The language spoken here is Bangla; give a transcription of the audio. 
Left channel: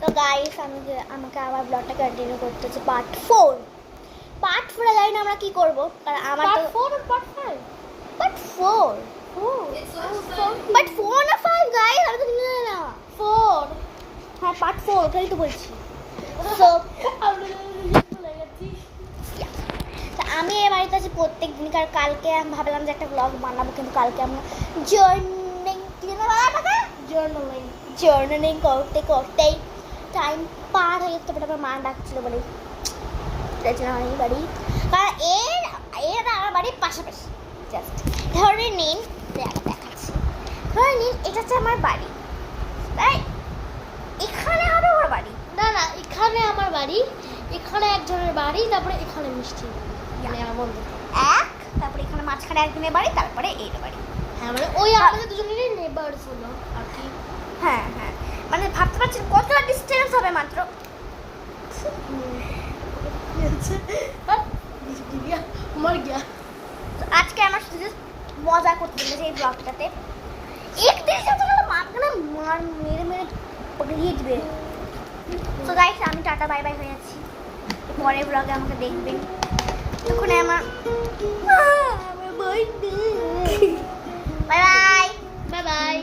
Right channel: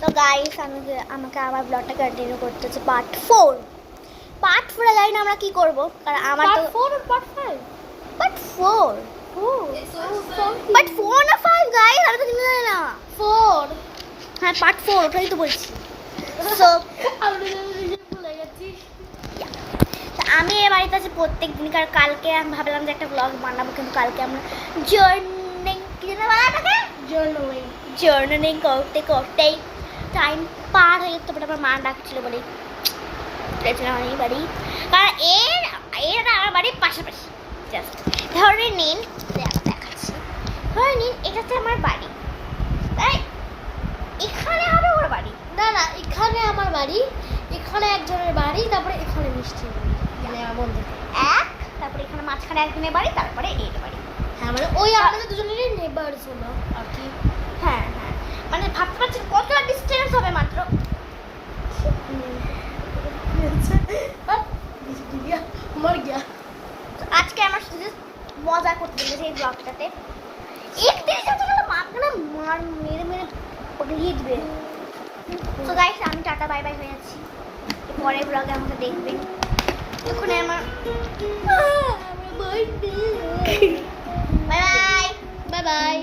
তো গাইস আমাকে আবার ব্লগটা কন্টিনিউ করতে হচ্ছে পার্ট 4 জানি না আমরা কি করবো, কারণ আমার তো পার্ট 4 না 5 গাইস, আমি তো কিছু জানি না। 4 হ্যাঁ পার্ট 4 ওটাই তো বলছি। সো আমি এর বাড়িতে আছি প্রত্যেক দিন, কারণ কালকে আমি ভাবলাম যে একটা ব্লগ বানাবো, কিন্তু কালকে আমরা জার্নিং করতে করতেই টাইম পার হয়ে যেত। বাট আমার মা ডাকছিল বলেই গেছিলাম আমি বাড়ি, কারণ এর আমার বাড়ির পাশাপাশি। জাস্ট ধরে নিন, দেখাচ্ছি, ধরে নিন এটা হচ্ছে আমার বাড়ি, তাই এখানে হবে ওর বাড়ি। না এখানে আমার বাড়ি, এখানে একজনের বাড়ি, তারপরে এখানে মিষ্টির বাড়ি, মানে আমার বন্ধু তারপরে এখানে মাঝখানে একজনের বাড়ি, তারপরে এই বাড়ি। হ্যাঁ মানে ওই আমাদের দুজনেরই নেবারস হলো আর কি। হ্যাঁ মানে ভাবতে পারছেন কতটা ডিস্টেন্স হবে মাত্র। মর গিয়া। আজকে আমার শুধু মজা করতে দিয়েছে এই ব্লগটাতে। একদিন সাথে গেলে মাঝখানে মেরে পড়িয়ে দিবে। তো গাইস আমি টাটা বাই বাই হয়ে যাচ্ছি, পরের ব্লগে আমাকে দেখবেন। এখন আমার বাই বাই।